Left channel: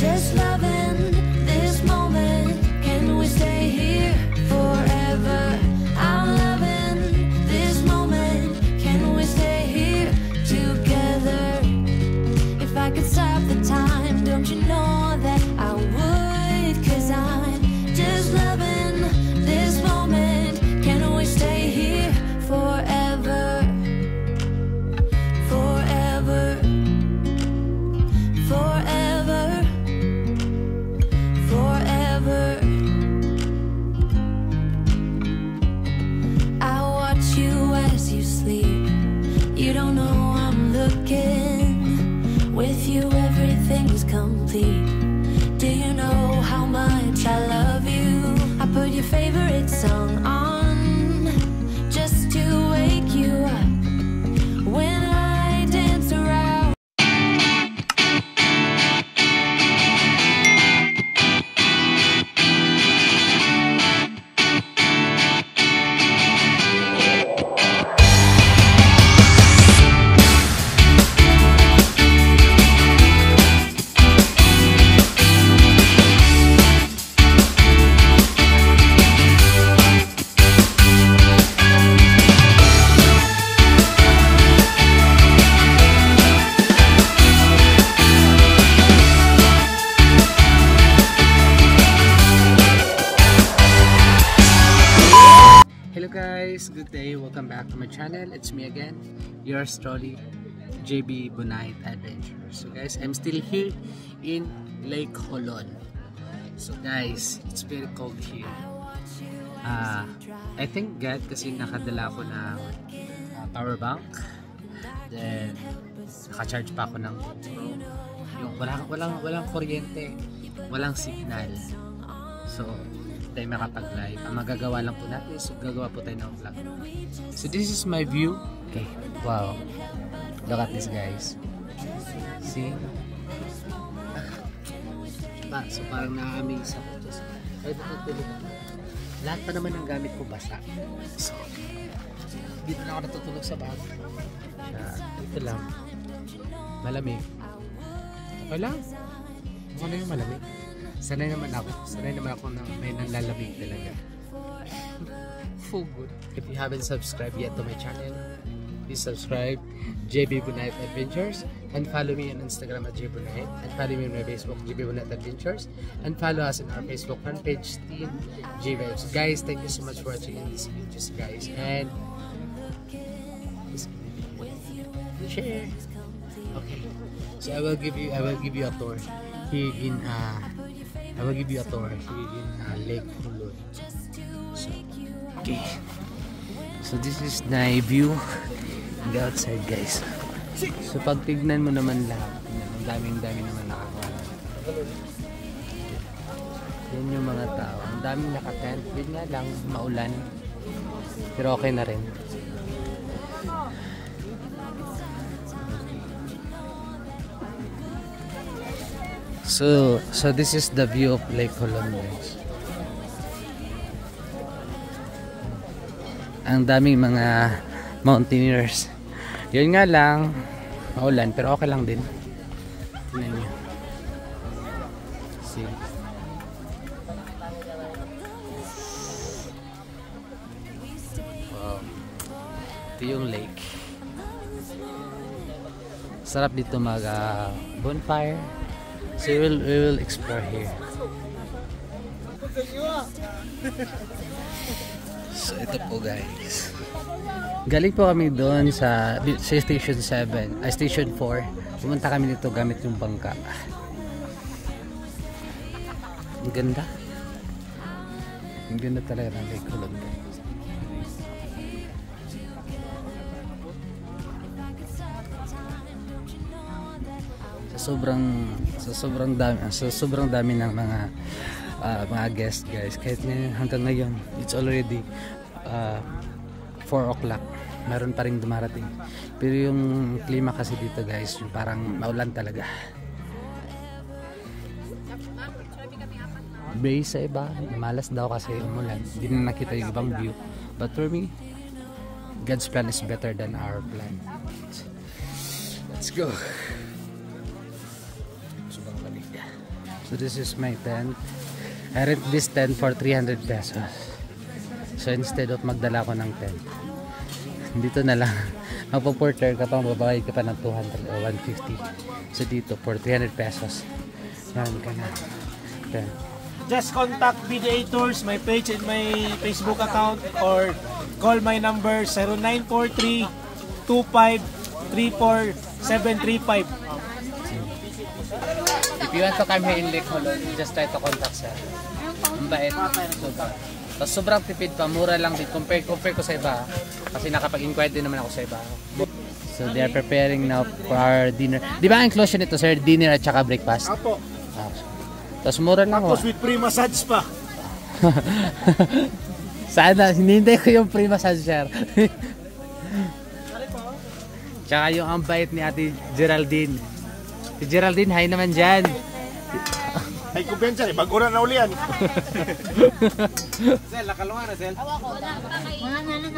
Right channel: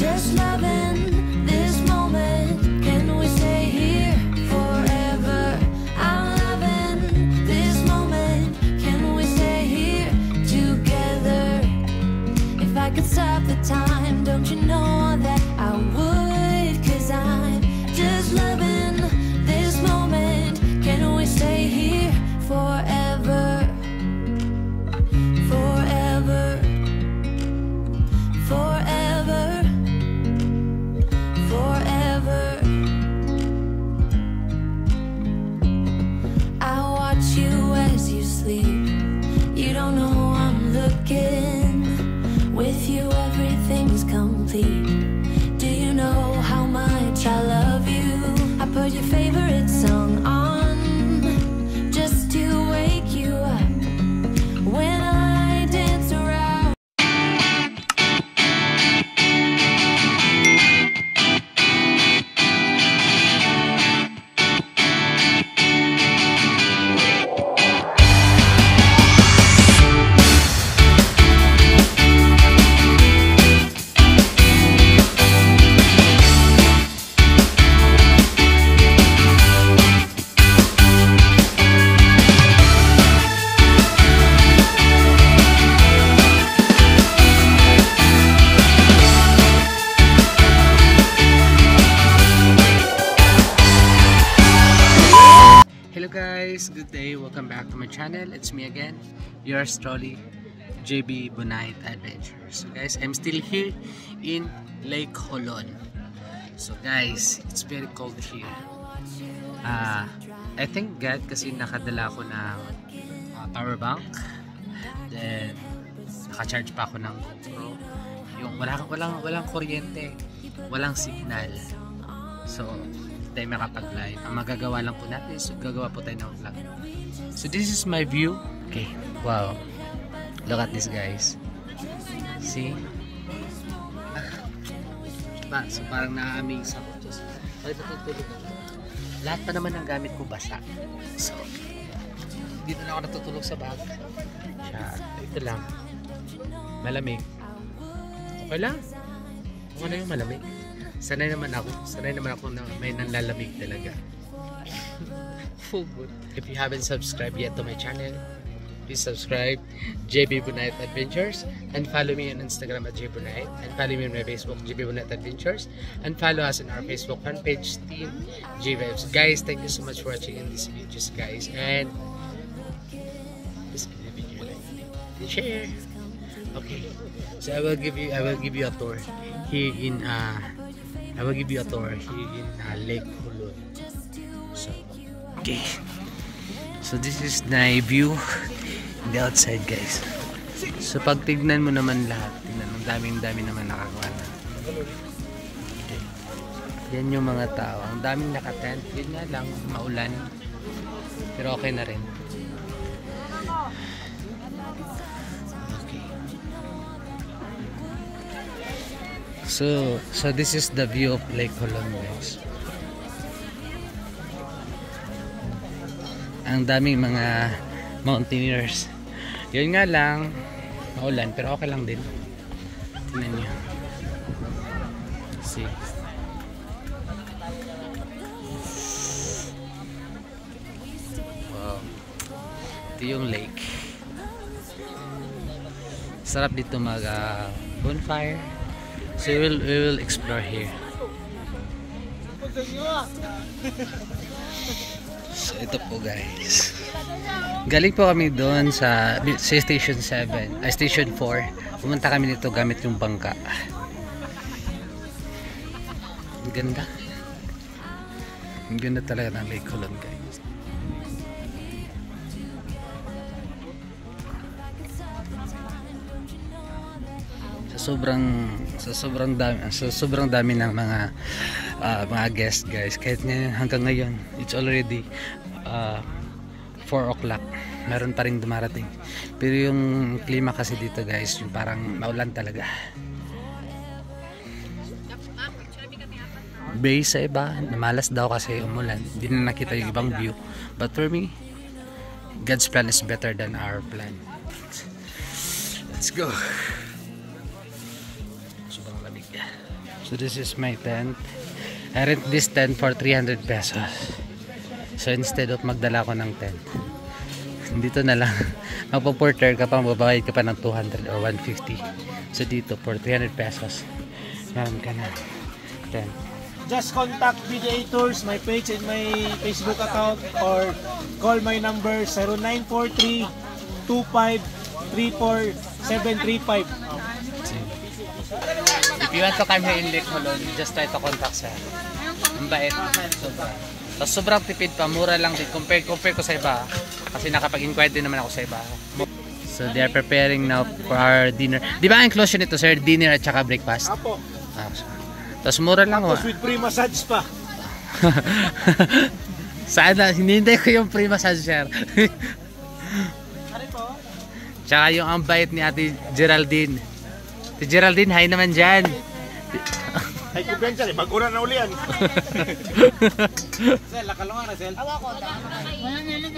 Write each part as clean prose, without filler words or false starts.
just loving this moment. Can we stay here forever? I'm loving this moment. Can we stay here together? If I could stop the time, don't you know that I would? 'Cause I'm just loving this moment. Can we stay here forever? Forever, forever, forever. I watch you as you sleep. You don't know I'm looking. With you everything's complete. Do you know how much I love you? I put your favorite song on just to wake you up. When I dance around. Hello guys, good day, welcome back to my channel. It's me again, yours truly, JB Bunait Adventures. So guys, I'm still here in Lake Holon. So guys, it's very cold here. I thank God kasi nakadala ko ng power bank. Then naka-charge pa ako ng GoPro. Yung walang kuryente, walang signal. So tayo makapag-live. Ang magagawa lang po natin is gagawa po tayo ng vlog. So this is my view. Okay, wow, look at this guys, see? So parang na-amaze ako. Sorry po tutulog ako. Lahat pa naman ng gamit ko basa. So dito na ako natutulog sa bag. Ito lang, malamig. Okay lang, ano yung malamig? Sanay naman ako na may nanlalamig talaga. Full good. If you haven't subscribed yet to my channel, please subscribe, JB Bunait Adventures, and follow me on Instagram at JB Bunait, and follow me on my Facebook, JB Bunait Adventures, and follow us in our Facebook fan page, Team J-Vibes. Guys, thank you so much for watching in these videos, guys, and share. Okay, so I will give you a tour here in Lake Holon. So, okay. So this is my view in the outside, guys. So pag tignan mo naman lahat, ang daming naman nakakawa. Okay. Yan yung mga tao. Ang daming nakatent. Yun nga lang, maulan. Pero okay na rin. So this is the view of Lake Holon, guys. Ang daming mga mountaineers. Yun nga lang, maulan, pero okay lang din. Tingnan niyo. See. Wow. Ito yung lake. Sarap dito mag bonfire. So we will explore here. So ito po, guys. Galing po kami doon sa Station 7, Station 4. Pumunta kami dito gamit yung bangka. Ang ganda. Ang ganda talaga ng Lake Holon, guys. Sobrang dami ng mga guests, guys. Kahit hanggang ngayon, it's already 4 o'clock, meron pa rin dumarating. Pero yung klima kasi dito, guys, yung parang maulan talaga. Base sa iba, namalas daw kasi umulan, hindi na nakita yung ibang view. But for me, God's plan is better than our plan. Let's go. Sobrang lamig. So this is my tent. I rent this tent for 300 pesos. So instead of magdala ko ng tent, dito na lang. Magpo-porter ka pa, mababayad ka pa ng 200 or 150. So dito for 300 pesos. Meron ka na tent. Just contact BDA Tours, my page and my Facebook account, or call my number 0943-2534-735. If you want to come here in Lake Holon, just try to contact sir. Ang bait. Sobra. Tapos sobrang tipid pa, mura lang din. Compare ko sa iba. Kasi nakapag-inquire din naman ako sa iba. So they are preparing now for our dinner. Di ba ang inclusion nito sir? Dinner at saka breakfast? Apo. Tapos mura lang. Tapos with free massage pa. Sana, hinihintay ko yung free massage sir. Tsaka yung ang bait ni Ate Geraldine. Si Geraldine, hi naman dyan. Ay, kumpensa eh. Bagura na uli yan. Sel, lakalungan na, Sel. Wala na lang.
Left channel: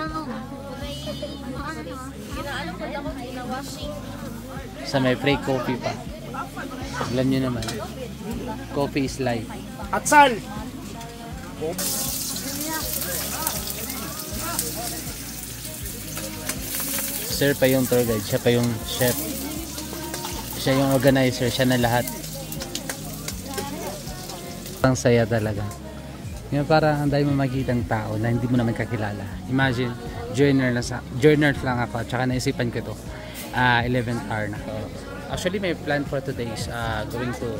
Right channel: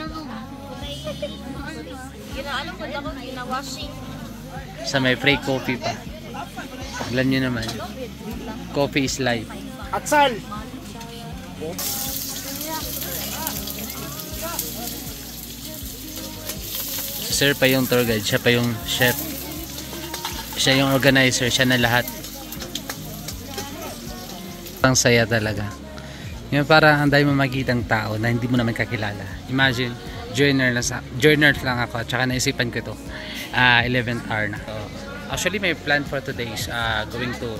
Sa may free coffee pa. Alam nyo naman. Coffee is life. At Sal! Sir pa yung tour guide. Siya pa yung chef. Siya yung organizer. Siya na lahat. Ang saya talaga. Yung parang ang dahil mo makikitang tao na hindi mo naman kakilala. Imagine, journers lang ako. Tsaka naisipan ko ito. 11th hour na. So, actually, my plan for today is going to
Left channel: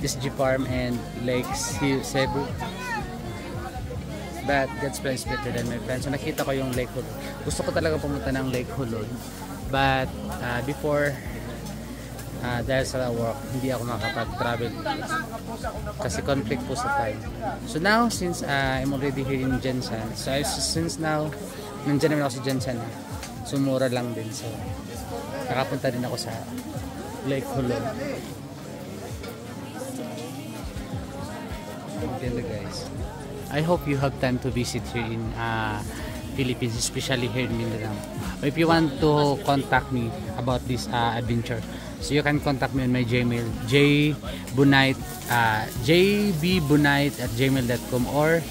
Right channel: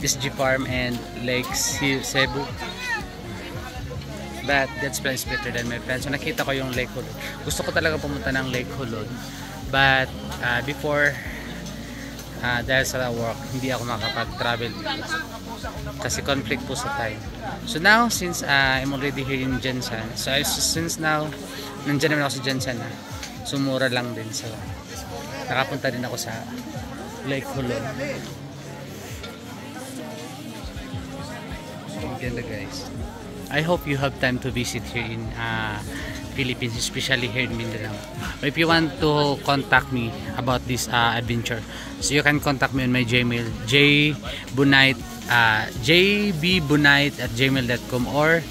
SG Farm and Lake Cebu. But God's plan is better than my plan. So nakita ko yung Lake Holon. Gusto ko talaga pumunta ng Lake Holon. But before, dahil sa work, hindi ako makapag-travel kasi conflict po sa time. So now, since I'm already here in Jensen, so since now nandiyan naman ako sa Jensen na, so mura lang din. So nakapunta din ako sa Lake Holon. Ganda guys. I hope you have time to visit here in Philippines, especially here in Mindanao. If you want to contact me about this adventure, so you can contact me on my Gmail, jbbunite@gmail.com, or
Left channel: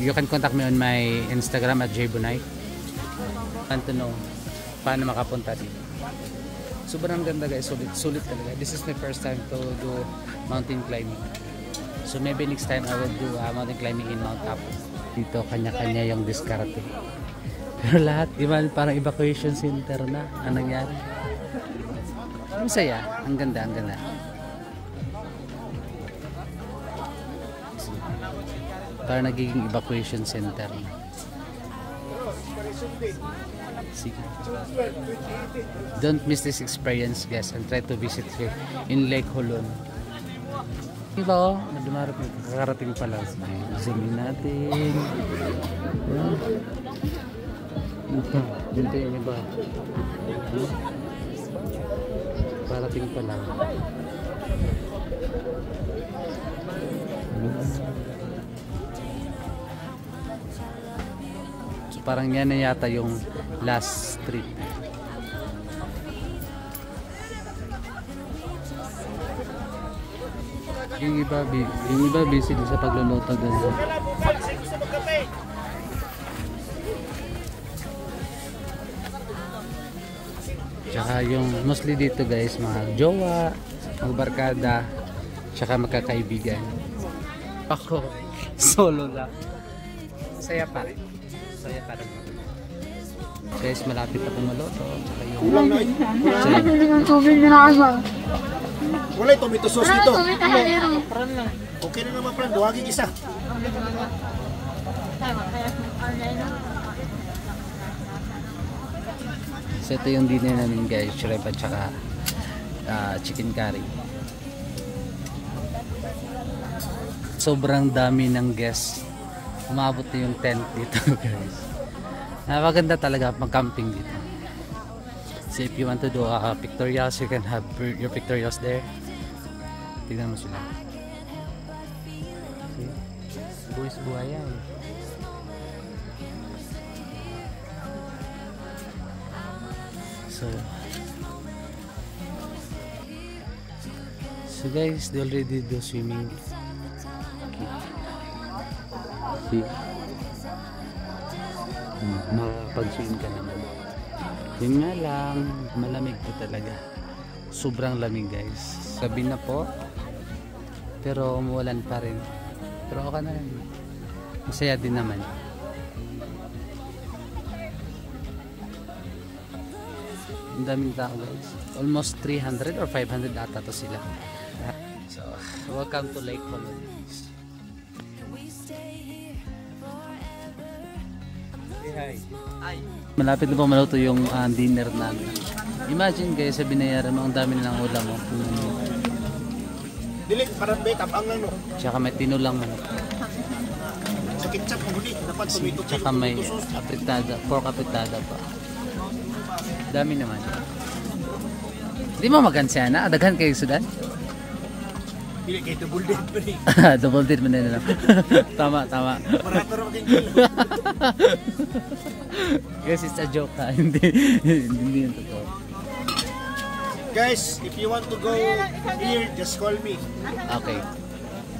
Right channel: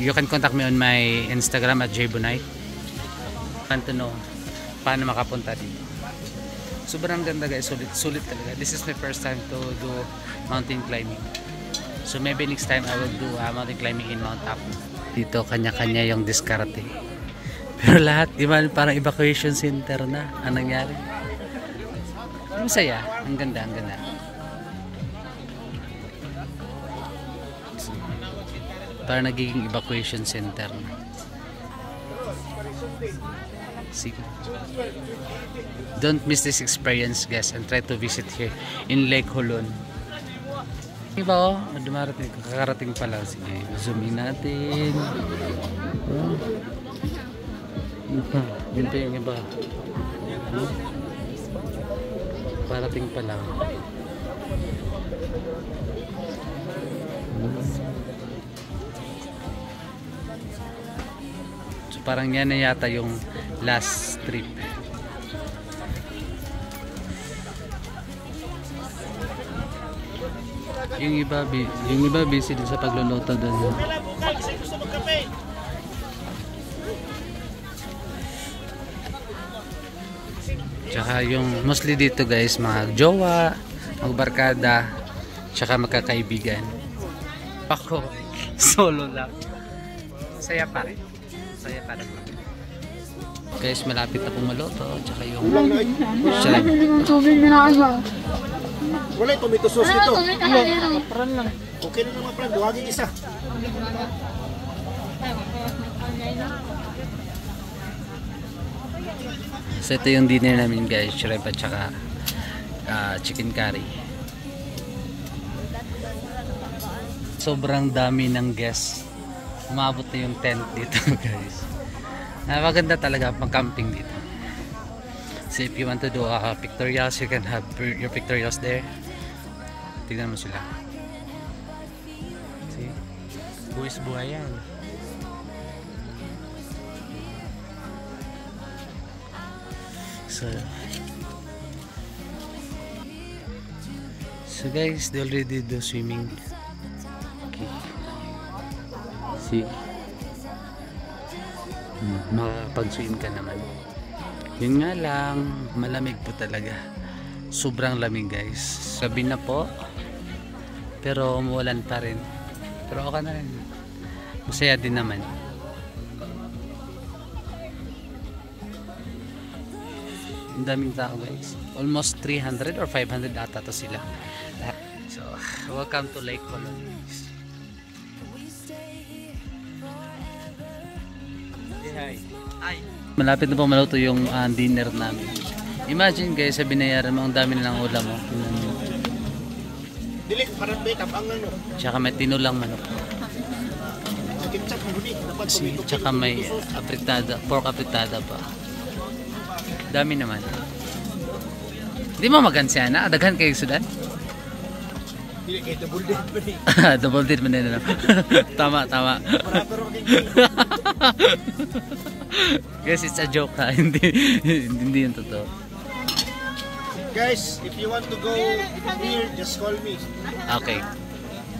you can contact me on my Instagram at jbunite. Want to know paano makapunta dito. Sobrang ganda guys, sulit talaga. This is my first time to do mountain climbing. So maybe next time I will do mountain climbing in Mount Apu. Dito kanya-kanya yung diskarte. Pero lahat, di ba, parang evacuation center na ang nangyari. Masaya. Ang ganda, ang ganda. Parang nagiging evacuation center na. Sige. Don't miss this experience guys and try to visit here in Lake Holon. Diba oh, dumarating, kakarating pa lang. Sige, zoom in natin. Yun pa yung iba. Parating pa lang. So parang yan na yata yung last trip. Yung iba busy din sa pagluluto doon. Tsaka yung mostly dito guys, mga jowa, magbarkada, tsaka magkakaibigan. Ako, solo lang. Saya pa rin. Saya pa rin. Guys, malapit na pong maluto. Tsaka yung shrimp. Wala yung tomato sauce dito. Okay na naman plan, buhagin isa. So ito yung dinner namin guys, shrimp at saka chicken curry. Sobrang dami ng guests. Umabot na yung tent dito guys. Napaganda talaga mag-camping dito. So if you want to do pictorials, you can have your pictorials there. Tignan mo sila. See? Buwis buhay yan. So guys, they already do swimming. Okay. See? Makapag-swim ka naman. Yun nga lang, malamig po talaga. Sobrang lamig guys. Gabi na po. Pero umuulan pa rin. Pero okay na rin. Masaya din naman. Ang daming tao guys. Almost 300 or 500 ata to sila. So, welcome to Lake Colony. Say hi. Hi. Malapit na po maluto yung dinner namin. Imagine guys, sa binayaran mo, ang dami na ng ulam mo. Dili, parang make-up ang ano. Tsaka may tinulang manok. Sa ketchup, huli. Tsaka may apritada, pork apritada pa. Dami naman. Di mo magansya na? Daghan kayo Sudan? Dili, kayo double dead pa rin. Double date man na lang. Tama, tama. Guys, it's a joke ha. Hindi yung totoo. Guys, if you want to go here, just call me. Okay.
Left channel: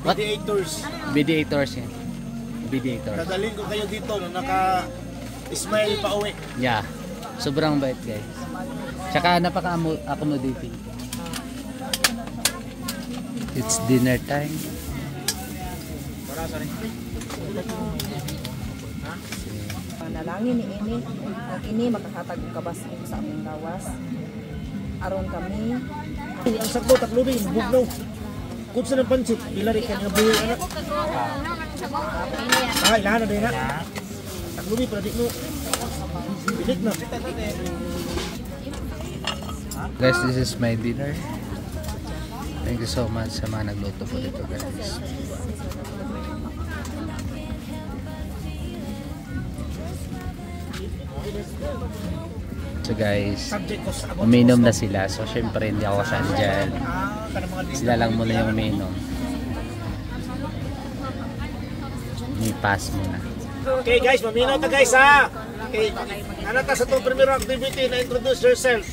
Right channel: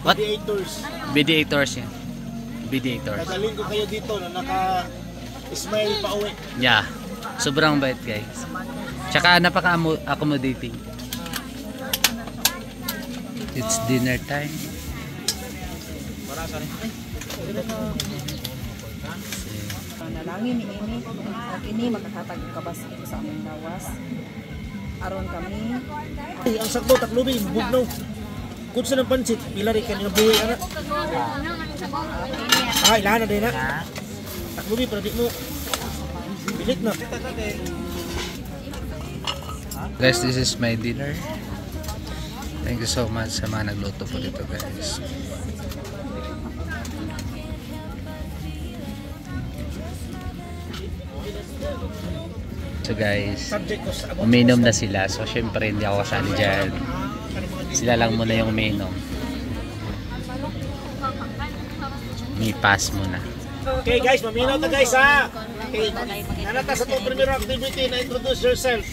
What? Mediators. Mediators yan. Mediators. Dadalhin ko kayo dito na naka-smile pa uwi. Yeah. Sobrang bait guys. Tsaka napaka-accommodating. It's dinner time. Nalangin ni ini, pag ini makahatag og kabas dito sa among gawas. Aron kami. Ay, ang sakto taklubi, bugnaw. Kung sa ng pansit, pilari ka nga buhay anak. Ay, lahan na din na. Taklubi, para di mo. Bilit na. Guys, this is my dinner. Thank you so much sa mga nagluto po dito guys. So guys, uminom na sila. So syempre hindi ako kasali dyan. Sila lang muna yung uminom. May pass muna. Okay guys, maminaw ta guys ha. Okay, nanata sa itong primero activity na introduce yourself.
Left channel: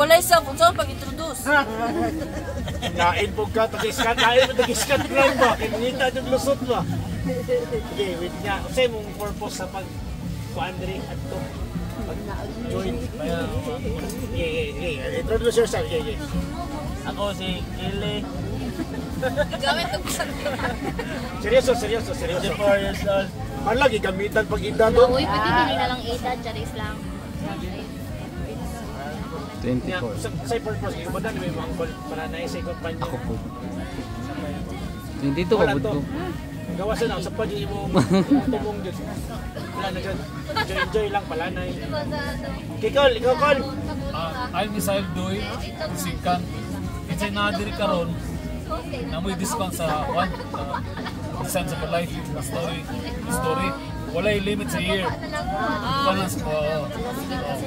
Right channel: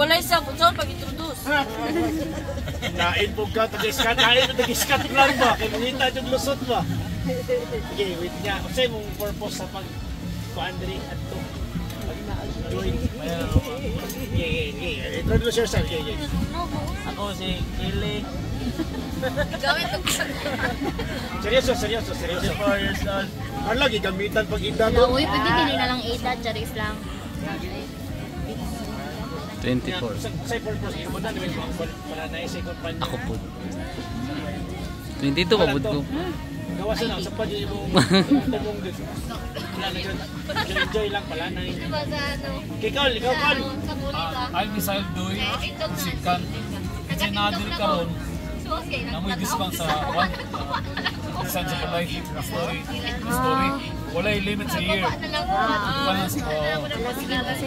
Wala sa bunso pag-introduce. Na-inpog ka, tag-iskat. Ayaw mo tag-iskat lang ba? Kaya mangita yung lusot ba? Okay, wait nga. Kasi mong purpose sa pag-Andri at to. Pag-join. Yeah. Introduce yourself. Yeah. Ako si Kili. Seryoso. 4 years old. Ano lagi gamitan pag igdado? Uy, pwede din na lang 8 charis lang. 24. Sa purpose, yung ba na may mga para na-isay kumpanya? Ako po. 22 pa po ko. Gawasan na, sa pa din yung tumong dun. Wala na dyan. Enjoy lang pala na yun. Ikaw, Col. I'm Misael Doy, musikan. Kasi nadir karon na may discount sa one design sa life na story. Wala yung limit sa year.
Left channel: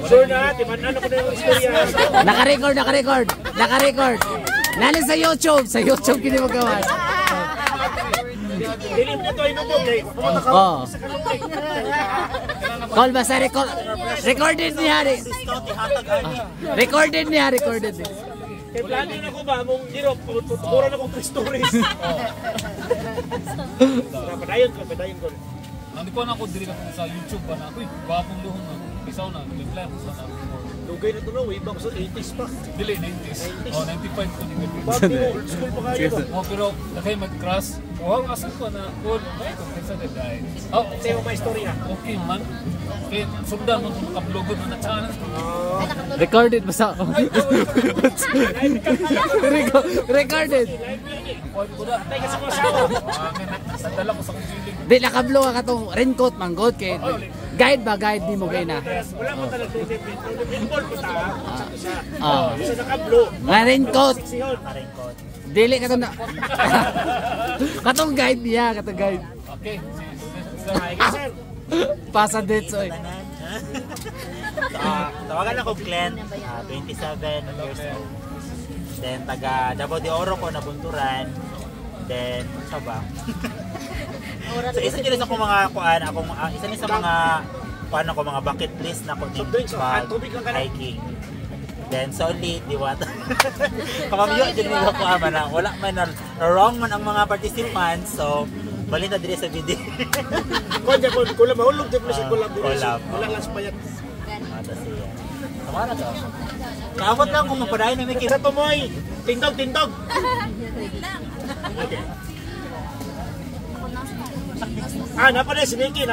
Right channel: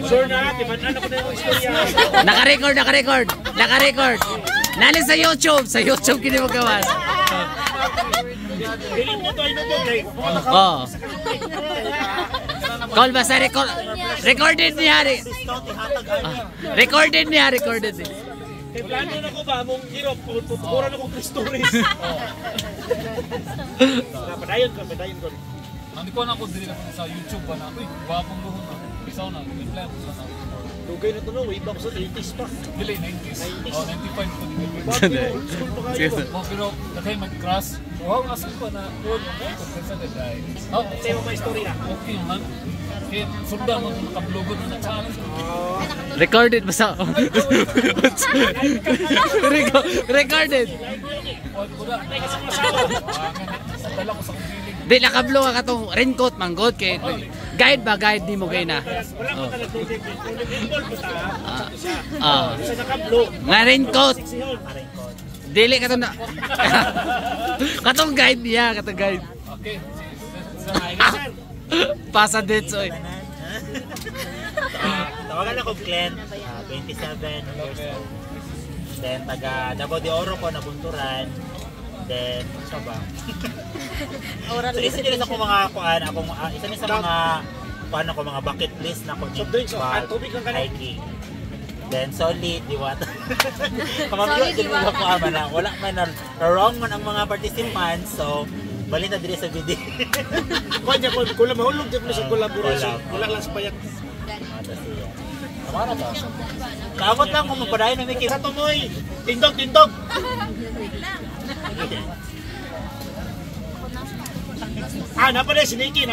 Sure na, timanan ako na yung istorya. Naka-record. Nalin sa YouTube. Sa YouTube kini magawas. Pilim mo to ay nubog eh. Oh. Call basta recorded niya. Recorded niya. Eh, plano na ko ba mong hirap, tutukuran akong 3 stories. Padayon ko. Hindi ko na ako dili sa YouTube pa na. Uy, wapong luhon na. Isaw na, reply mo sa Lugay na ito no, way back sa 80s pa. Dili, 90s. Oh, 95 ko. Bakit mo, old school pa kayo ko. Oh, pero nakay mag-crash. Wow, asal ko na. Cool. Kaysa de guy. Oh, Sa'yo may istorya. okay man. Kaya sundan mo kung nakablogod na challenge ko. Recorded basta. Recorded. Oy, kuda. Tay kasi mo asawa. Sa dala ko sa feeling. Di nakablo ka katong raincoat manggod kay guide di mo gay na. Wala mo talaga tubig. Involved ko ta. Ah. Isa nakablo. Nga raincoat. Sihon. Dili katong na. Katong guide niya, katong guide. Okay. Pasa dates oy. Tawagan ako Glenn, 27 years old. Then taga Davao de Oro ko nabunturan. Then sa ba? So isa din sa mga kuan isa din sa mga kuan ako mga bucket list na ko So, drinks, tubig lang ka na. hiking. Then solid, di ba? Kamamyo din mo ko ama na wala man na wrong man ang mga participants. So balik na dire sa video. Kanya ko kula mahulog jud sa collaboration. collab. Wala lang sa payat. Mata siya. Tama na to. Kaamot lang kung mapadayon ng Mickey. Sa tumoy, tindog. Napa si Nikki,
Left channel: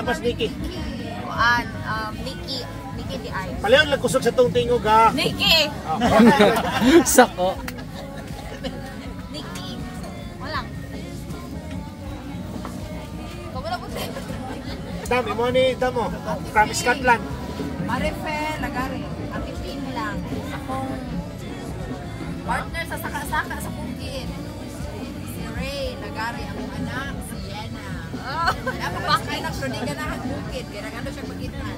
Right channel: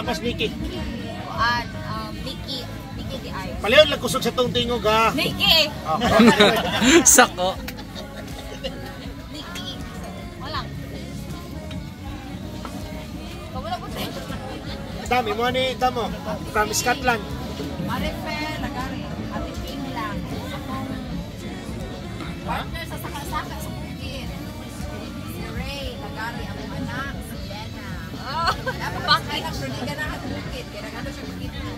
Nikki di ay. Palayon lang kusog sa tong tingog ha. Nikki! Sako. Nikki! Walang. Kumula po siya. Dami mo ni Damo, from Scotland. Marifer, Lagari, Ate Ping lang. Akong partner sa saka-saka sa bukid. Si Ray, Lagari, akong anak, si Yana. Oh, napapakay na siya, di ka na bukid. Kaya nagano siya magitan.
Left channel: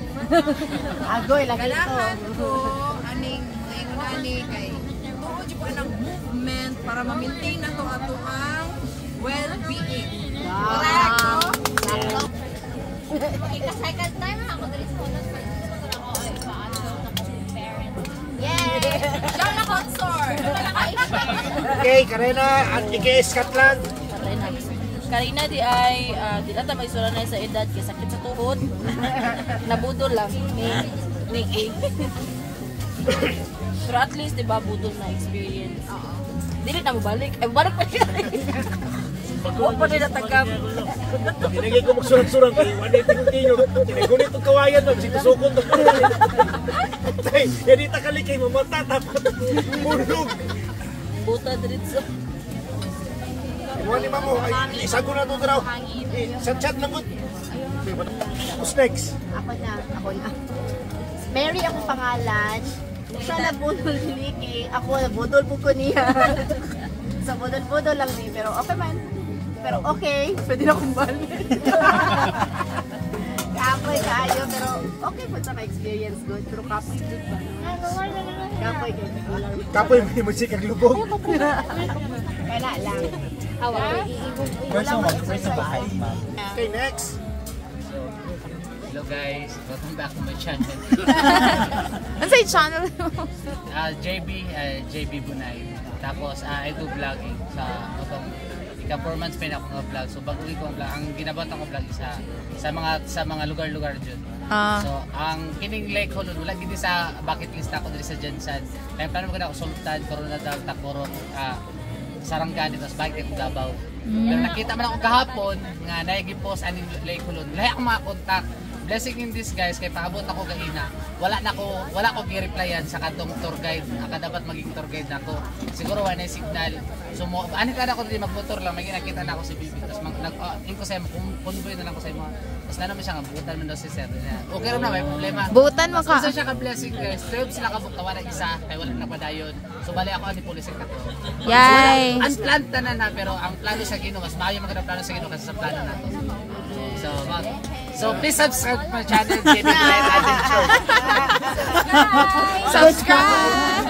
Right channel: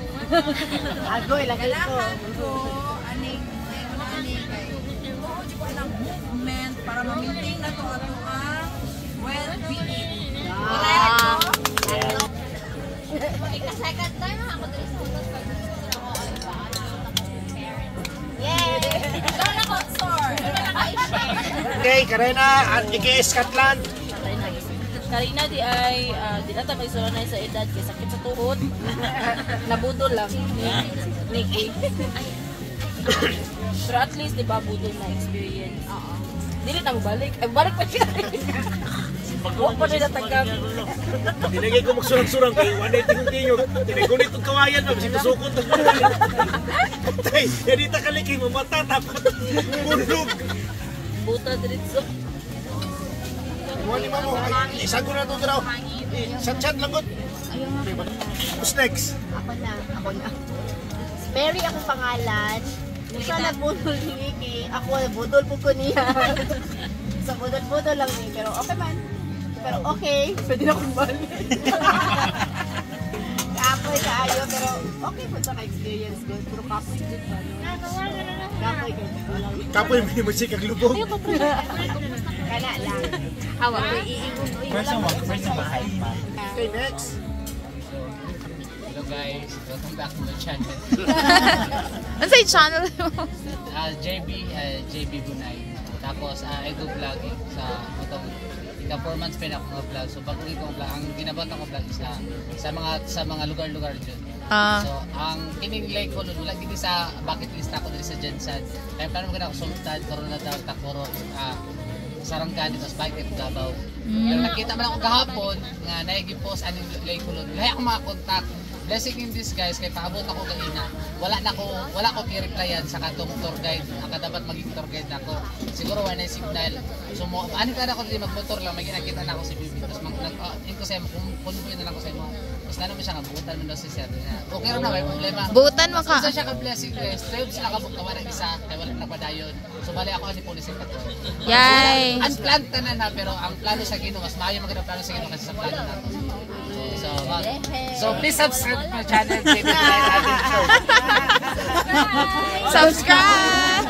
Agoy, lagi ko. Ko, aning mga inunani kay tuod ko ang movement para ma-maintain na to ato ang well-being. Wow! Second time ako dito sa Lola Consort! Okay, Karena at Nikki Scotland. Karina di ay di na tayo isura na sa edad kay sakit sa tuhod. Nabudol lang ni Nikki. Pero at least di ba budol na experience. Dili na mo balik. Ay balik pa siya. Wa pa rin natanggap. Tinagay ko magsurang-surang kay wala tingog-tingog. Tinagunit ang kawayan na si tusukon to. Tay, hindi ta kalikay mo matatapot. Bulog. Buta diretso. Mo ni mamo ay isago na to daw. Chat lang gud. Who's next? Ako na. Mary akong pangalan. Siya nabudol ni Nikki. Ako nabudol po ko niya. So budol-budol lang ni. Pero okay man. Pero okay. Pwede na akong balik. Kapoy kaayo. Pero okay po sa experience good. Pero kapoy good pa. Kapoy good. Kapoy may musikag lubog. Kaya lang. Awa ko iigong. Wala mag-exercise. Okay, next. Hello guys, welcome back to my channel. Ano sa channel mo? JB Bunay. Tapos I do vlogging sa itong performance pin ako ng vlog. So bago ko vlog, ang ginabot ko vlog isa sa mga lugar-lugar dyan. So ang kining lake ko wala gid sa bucket list ako diri sa Jensen. Kaya plano ko na ako Sultan, Coronadal, Takoro, Sarangani, tapos bike ko Davao. Pero nakita man ako kahapon nga naigi-post aning lake ko lahi ako makakontak. Blessing in disguise kay paabot ako gaina. Wala ko gi-replyan sa katong tour guide. Aka dapat maging tour guide nako. Siguro wala na signal. So ani kada ko dili magmotor lang may nakita na ako si Bibi. Tapos ko sa mo convoy na lang ko sa imo. Tapos na naman siya nga buutan man daw si Sir. Okay ra na may problema. Buutan mo ka. So siya ka blessing guys. 12 sila ka buktawa isa kay wala na padayon. So bali ako ni police ka to. Yay! Unplanned na pero ang plano sa Ginoo mas maayo man plano sa Ginoo kasi sa plano nato. So please subscribe to my channel, JB Bunay Ading Show. Subscribe!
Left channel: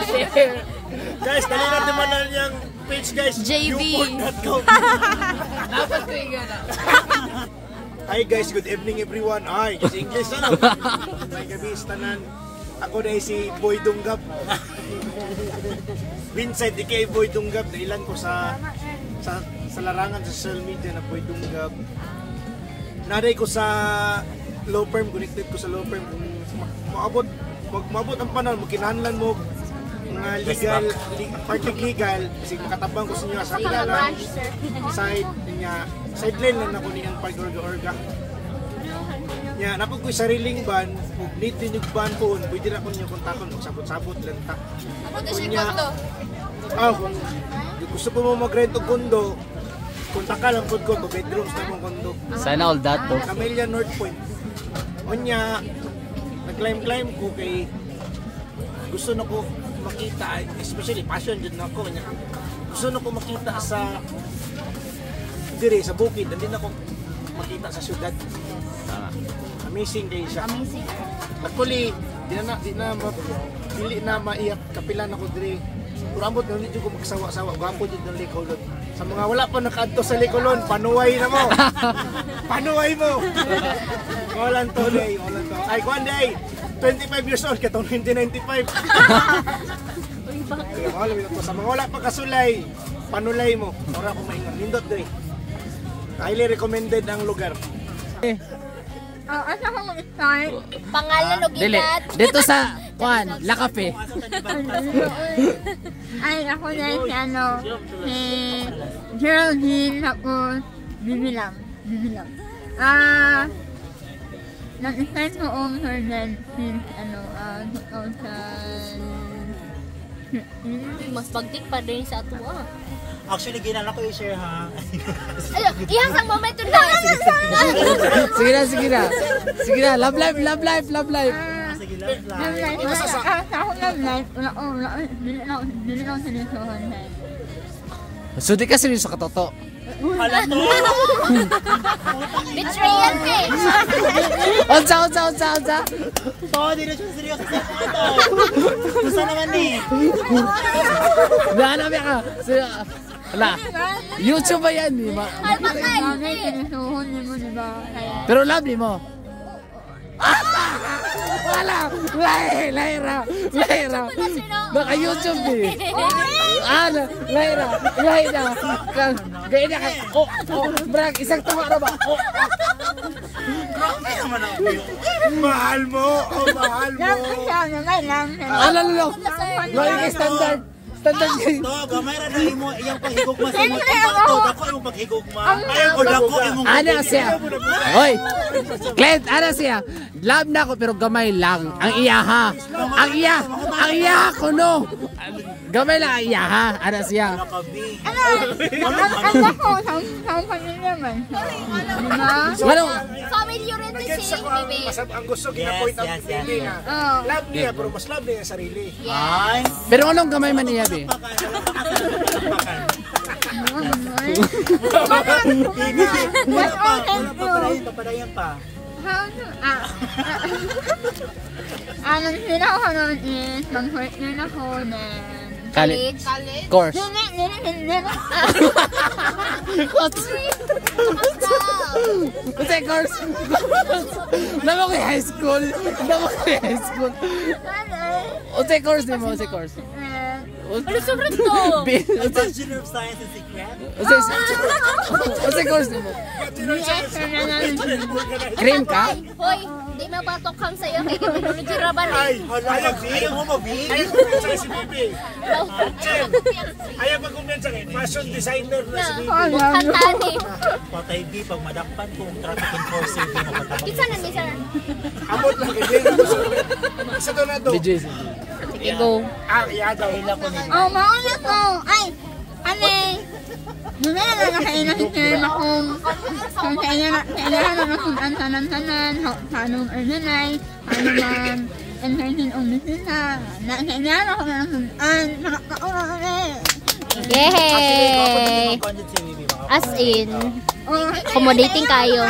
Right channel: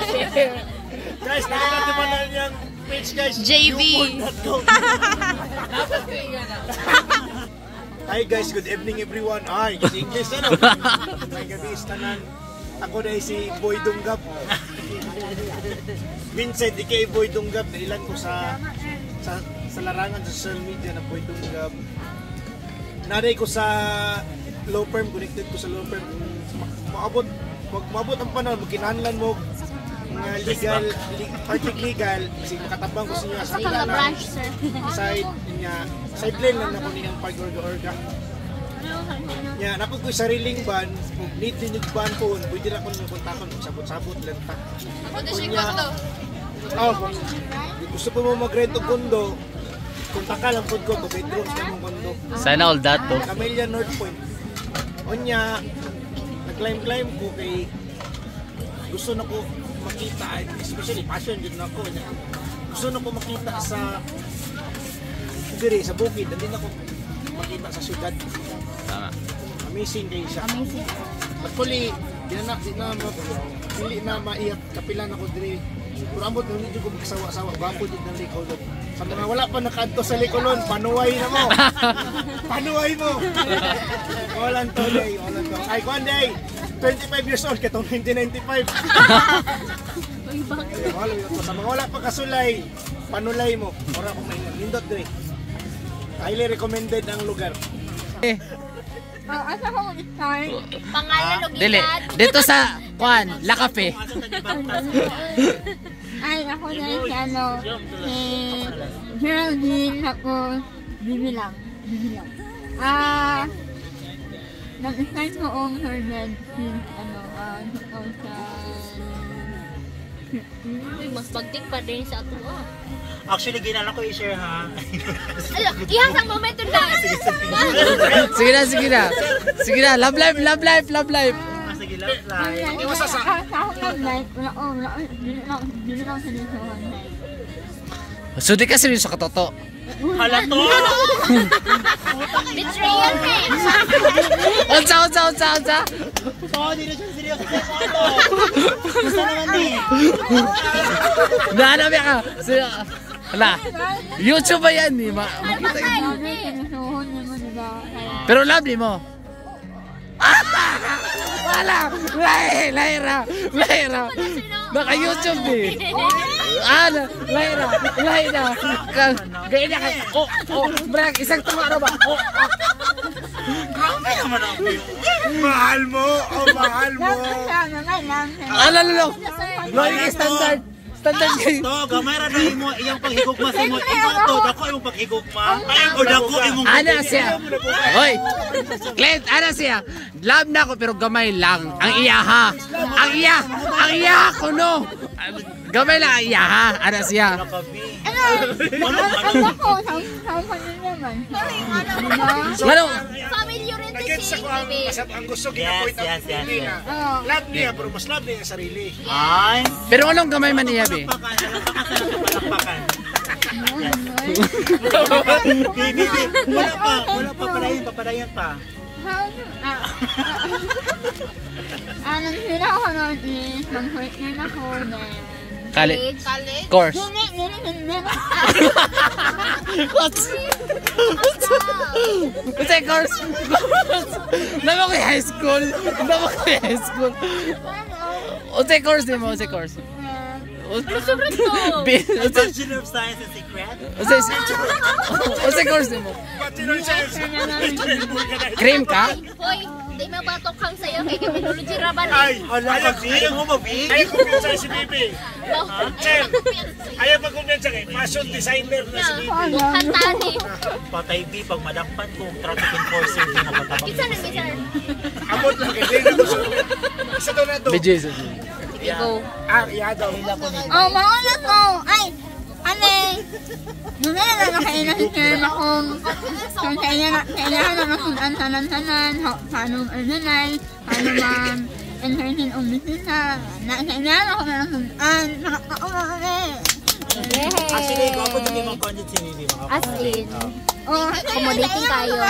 Guys, dali natin manan yung page guys. JB. Dapat ko yung gana. Hi guys, good evening everyone. Ay, kasi English ano? May gabi tanan. Ako na si Boy Dunggab. Vincent, aka Boy Dunggab. Nailan ko sa larangan sa social media na Boy Dunggab. Naday ko sa law firm, connected ko sa law firm. Maabot ang panahon, magkinahanglan mo mga legal, legal, kasi nakatabang ko sa inyo sa kilala sideline lang ako niyang pag-orga-orga. Napag ko'y sariling ban, need din yung ban po, pwede na ko niyo kontakon, sabot-sabot lang ta. Kung gusto po mo mag-rent o kondo, kontak ka lang po ko, 2 bedrooms na mong kondo. Sana all that to. Camellia North Point. Onya, nag-climb ko kay gusto na ko makita, especially passion din na ako. Gusto na ko makita sa diri sa bukid, hindi na ko makita sa syudad. Tama. Amazing kayo siya. Amazing. Actually, di na maiyak kapilan ako diri. Pero ambot na hindi ko magsawa-sawa. Gwapo din ng Licolon. Sa mga wala pa nakaadto sa Licolon, panuway na mo. Panuway mo. Walang today. Ay, one day. 25 years old, katong 1995. Mahal mo ito. Sa mga wala pa kasulay, panulay mo. Ora ko maingon. Nindot dre. Highly recommended ang lugar. Asa ko start? Pangalan o Dili. Dito sa Juan, La Cafe. Ay, ako na si si Geraldine, tapos Bibilang. Nag-start ko ang Hernan since mas pagdik pa din sa ato. Actually, ginala ko i-share ha. Iyang sa momento na. Sige na. Love life. Sige, love life. Ako nag-like, dili lang sinusuhan na. So di ka seryoso ka toto. Hala to! Betrayal ka eh. Unsa. Oo, di na siya seryoso sa ito. Gusto naman ni. Nahanap ka. Hala. YouTube ba yan? Makita yun. Mami, sinusuhan mo, diba? Pero love mo. Wala! Laira! Naka-YouTube eh! Laira! Gaya na kayo! Brag! Isang tunga na ba? Grabe naman ako. Mahal mo! Lalo! Loy standard! Standard kayo! To, gamay ra na imo iyang paghigugma sa imo. Ito, dako imong paghigugma. O dako imong Ana siya! Hoy! Clint! Ana siya! Love na ako pero gamay lang. Ang iyaha! Ang iyaha ko no! Gamay lang ang iyaha! Ana siya! Ang ako, sa kanila man. Ano? Family oriented Nag-gets ako ang gusto gina-point out ni Bibi na love niya, pero mas love niya yung sarili. Ay. Pero anong gamay man niya, be? Wala pa, papadayan pa. Anong sila ako noon is, mag-hurt din ako na. College? Course? Hindi. Kasi course? Naman ko high school? Unsa course din mo? Unsa course? Bachelor of Science and Secret? Unsa course din mo? Cream ka? Hoy, di mabatok kang sa'yo kay Technology Raban. Ayaw mo mabig? Ayaw kumpensa si Bibi. Ayaw magkumpensa kay fashion designer na si Bibi. Bukhan tani. Patay B, pag madampan kong traffic enforcer, di mo patabak. Isa na bisa. Amot lang kay Dre na gusto. Isa daw na to. BJ's. Sige, go. Iya daw. Mauna ko. Ay, Numera na kailan si Sir Mahong. Kailangan na masunan tanan-tanan. Paano arnanay. Paano entertain o bisita. Kailangan ako na masunan. Nakakauna kami. Yay! As in, accommodating kayo.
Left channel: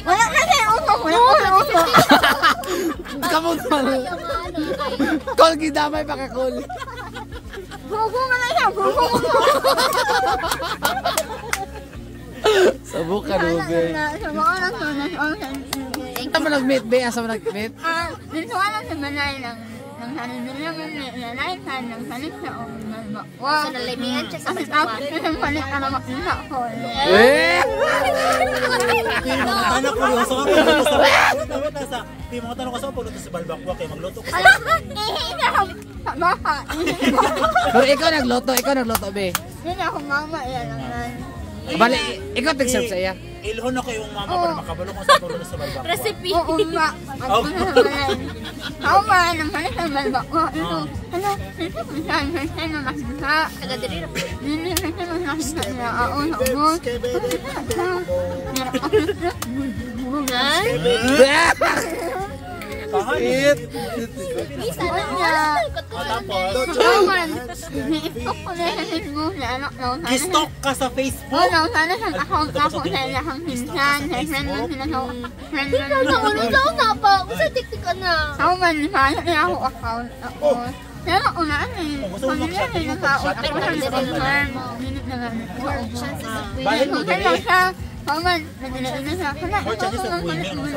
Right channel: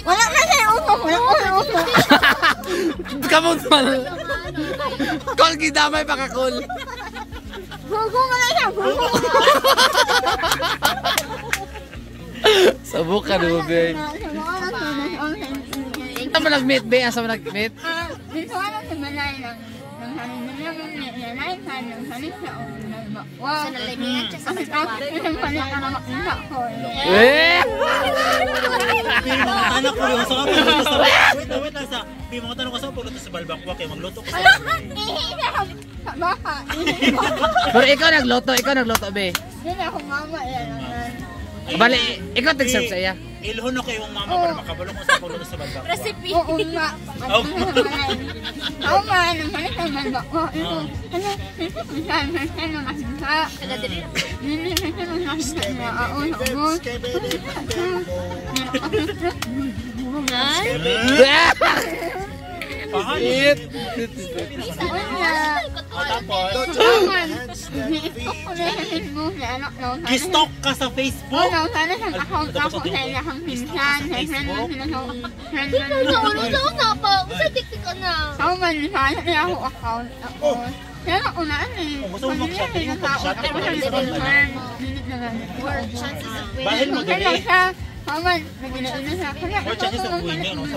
Wala na siya uso. Kamot mal. Kol gidamay pa ka kol. Gugu mo na siya. Gugu. Sabok ka no, be. Ito mo nag-meet, be? Asa mo nag-meet? Dito ka lang sa balay ng hanin nila nalaitan ng hanin sa o nalbakwa. Sinalimihan siya sa Ang tapos ng palit na makita ko. Anak ko yung sa Di mo tanong ko sa pagluto sa balbakwa kay magluto ko sa Ihi ako baka. Pero ikaw nagluto, be. Hindi ako mama yan naman. Bali, ikaw tag-serve sa iya. ilhon ako yung mama para makabalo ko sa pagluto sa balbakwa. Recipe. Oo nga. At naman. Ako man, ang palit ng balbakwa. Ano? Sino kung saan? Saan na makita? Hindi sino nakita na ako sa ubos. It. Gistok ka sa Facebook? Oo, sana sa account ako sa ilahang pinsan. Sa friend mo sila sa friend mo. Ikaw na pa. Usa tiktik ka na. Ako man, sana nila ako account ako. Pero unaan eh. Pamilya nila tao. Ako sa confirm. Minute na lang. Bahil mo Kaya lang siya, Haman, naginain na sa akin. Oh, Chinese ang buhay niya, no?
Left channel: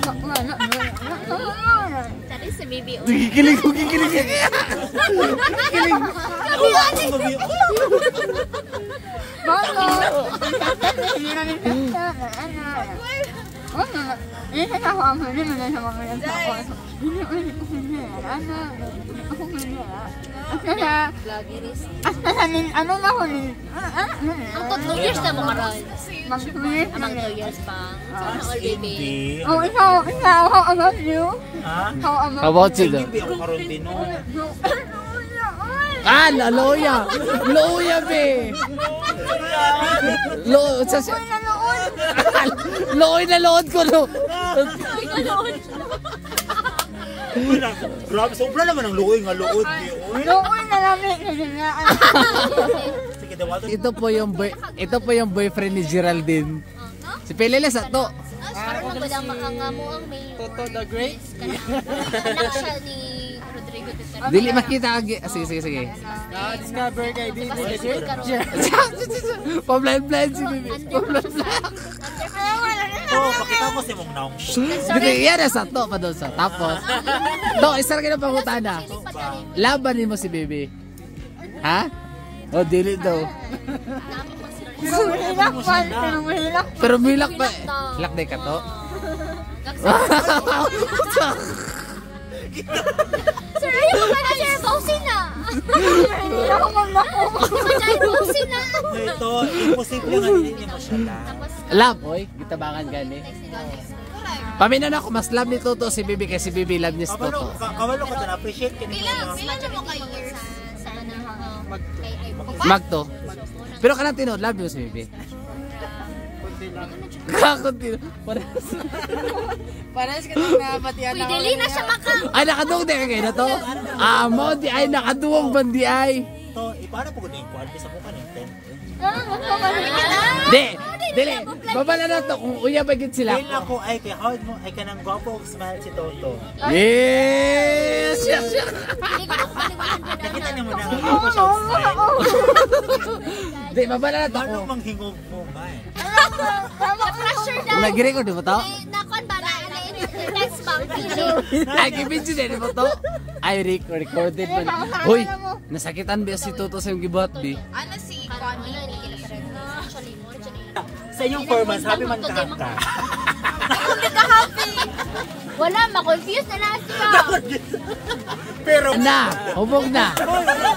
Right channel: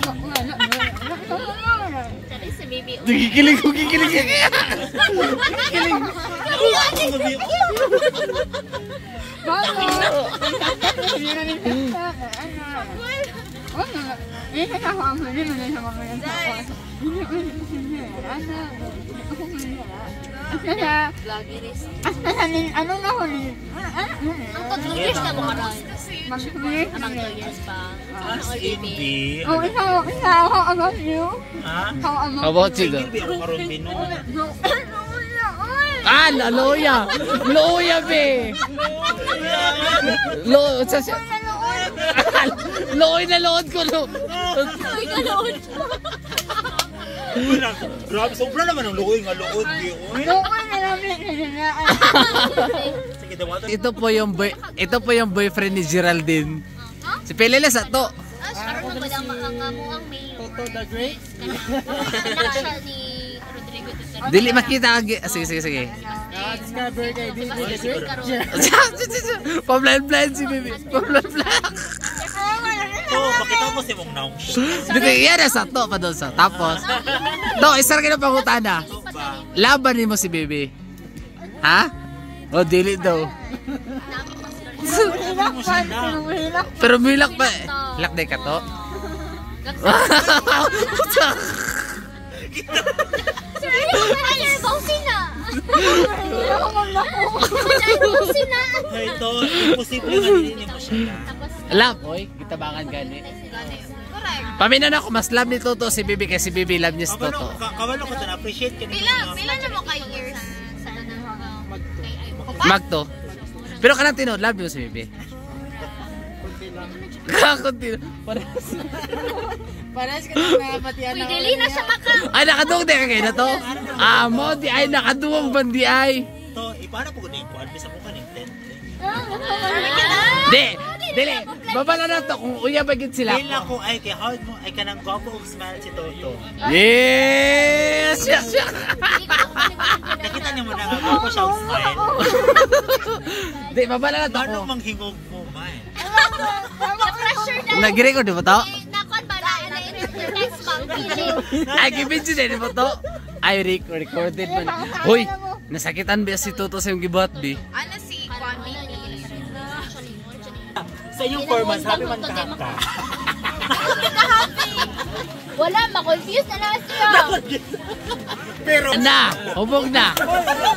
Tari si Bibi. Kikilig ko, kikilig. Kikilig. Ano na ko ni? Ang 2 years na mo karon. Mag-years na Ang 2 years pa. All baby. Hindi. Oh, ikaw, how about you? Ha? How How about you? Hindi ako karon din no. Ah, loya. Loya, be. Loy na lood ko, no. Grabe, sobra naman ang luoy nga luod niyo. Noon na namin Sige, daw ato. Ito po yung boyfriend ni Geraldine. Si Pelele sa to. Ako ko lang makangamuang may Toto the Great. anak siya ni Rodrigo Duterte. Dili makita ka. Sige. Na-discover kay Bibi the Great. Pablan-plan si Bibi. Pablan-plan. Oh, pakita mo si mong naong. Dito, yan na sa to pa doon sa. Tapos, isa rin na pangutana. Labanin mo si Bibi. Ha? O, dili daw. Pero milak pa. Lakday ka to? Sir, ayun ka Bawsina. Bawsina. Ito, imposible na hindi mo siya. Alam, oy, gitabangan gani. Paminan ako, mas love ni Toto si Bibi kasi si Bibi love niya si Toto. Kawalo ko dyan, appreciate ka nila. Pila na mo kay years sa Magto. Pero kanang tinod, love mo si Bibi. Kakunti lang. Parang ka na patiyan Uy, dali na siya maka. Ay, nakaduwag din kayo na to. Mo, di ay, nakaduwag bandi ay. Ito, ipaano po gano'n yung kuwan? Bisa ko ka ng tent. Dili, babala na to kung uya ba yun sila Dahil ako ay kay hard mo, ay kanang gwapo smile si Toto. Yes! Nakita niyo mo na nga gwapo siya smile. Di, babala na to Ano kung. manghingog mo man? Na-pressure na. Nag-record di ba to? Nakon ba na interest pang pili. Ay, kibidyo din di ba to? Ay, recorded man. Hoy, nasakitan ba si Toto sa yung gibuhat di? Ano si Kwame? Sa inyong 4 months, happy man ka. Wala, ma-confuse na na siya. Pero, Na, hubog na.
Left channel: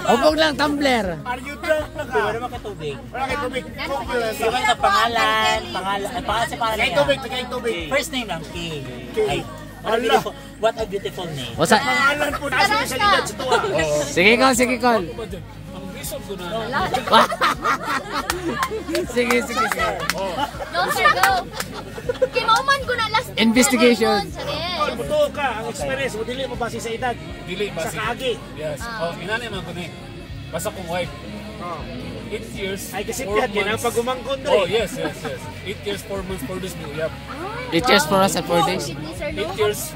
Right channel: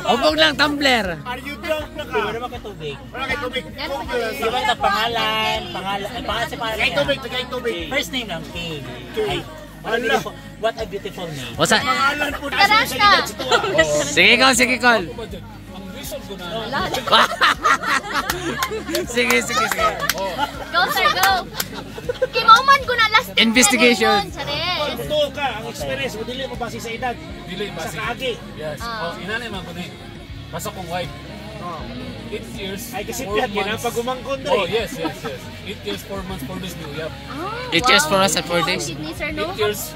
Hubog lang tumbler. are you drunk na ka? Wala naman ka tubig. Wala kay tubig. Coke lang. Di ba ito pangalan? Pangalan sa pangalan Kay niya. tubig, kay tubig. First name lang, Kay. Kay. Ay, what a beautiful name. O sa... Pangalan po na sa edad sa tuwa. Sige, Col, sige, Col. Ano ba dyan? Ang reason ko na. Sige. Oh. Go, sir, go. Kimauman ko na last. Investigation. Pag buto ka, ang experience mo, dili mo base sa edad. Dili ba? Sa kaagi. Yes. Oh, inanay man ko ni. Basta kong wife. Oh. 8 years. Ay, kasi 4 pihat, yan ang months. pagumangkon doon. Oh, yes. 8 years, 4 months, 4 days new. Yep. It just for us at 4 days. 8 years,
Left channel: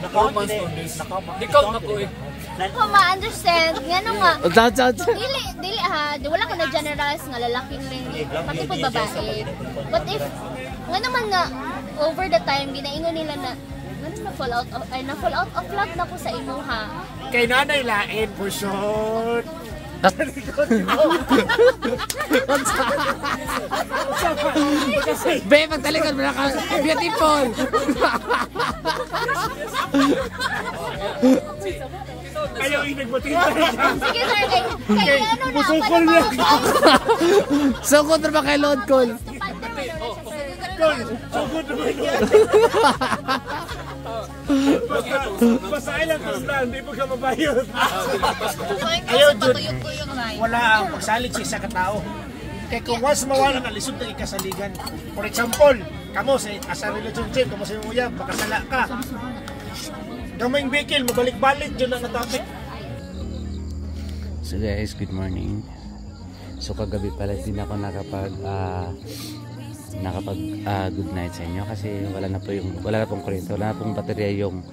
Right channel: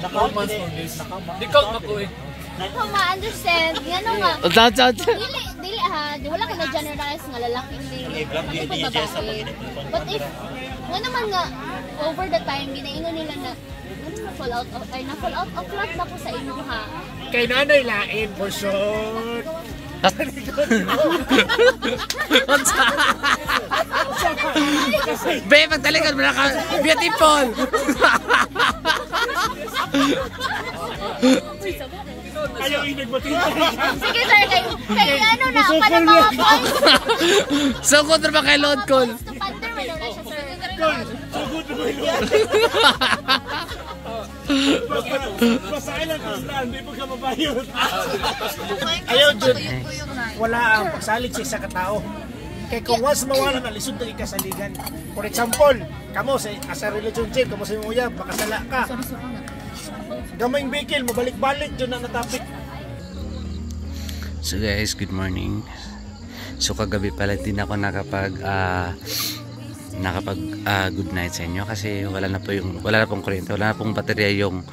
4 months, 4 days. Di count na ko eh. Ako ma-understand. Yan o nga. Dili ha, di wala ko na generalize nga lalaki ni pati po babae. But if nga naman nga over the time ginaingon nila na na fall out of love na ko sa imo ha. Kay nanay lain, for sure. Be, pagtalikod mo na ka. Beautiful. Ayaw inagbatita. Sige sir, kay ano na Musukol niya. So, kontra ba kay Lord Cole? Tol, sugod mo yun. Basta ilang kasla, hindi mo ka mabayot. Ayaw dun. Wala ang pagsalig sa isa ka tao. Kaya kung once mawala na lisod na ikasaligan. For example, kamo sa relationship, kamo sa iyong uyab, makasala ka. Gamayng bekil, mabalik-balik dyan na topic. So guys, good morning. So kagabi pala din ako nakapag good night sa inyo kasi wala na pong kuryente, wala na pong baterya yung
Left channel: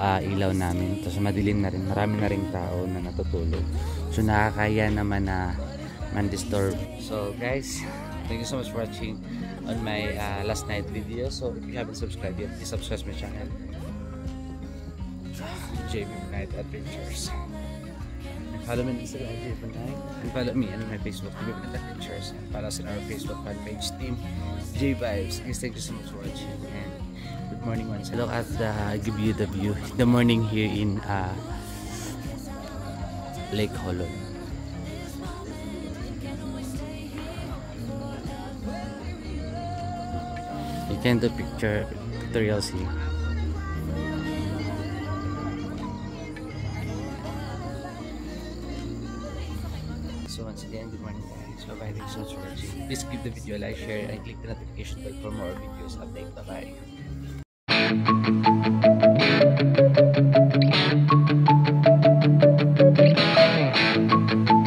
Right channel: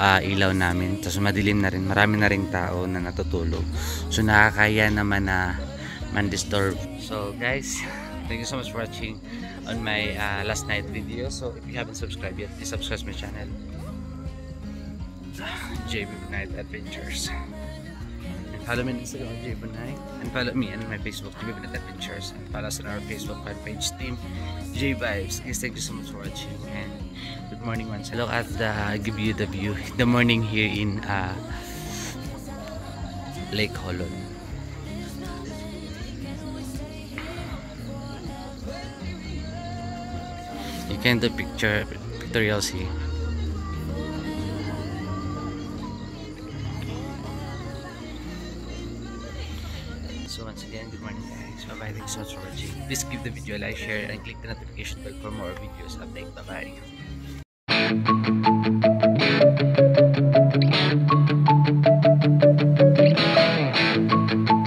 ilaw namin. Tapos madilim na rin, marami na ring tao na natutulog. So nakakaya naman na man-disturb. So guys, thank you so much for watching on my last night video. So if you haven't subscribed yet, please subscribe my channel, JB Night Adventures. And follow me on Instagram, JB Night, and follow me on my Facebook, JB Night Adventures, and follow us on our Facebook fan page team, J Vibes. Guys, thank you so much for watching, and good morning once. Look at give you the view, the morning here in Lake Holon. You can do pictorial see. So once again, good morning guys. Bye bye, thanks so much for watching. Please give the video a like, share, and click the notification bell for more videos update. Bye bye.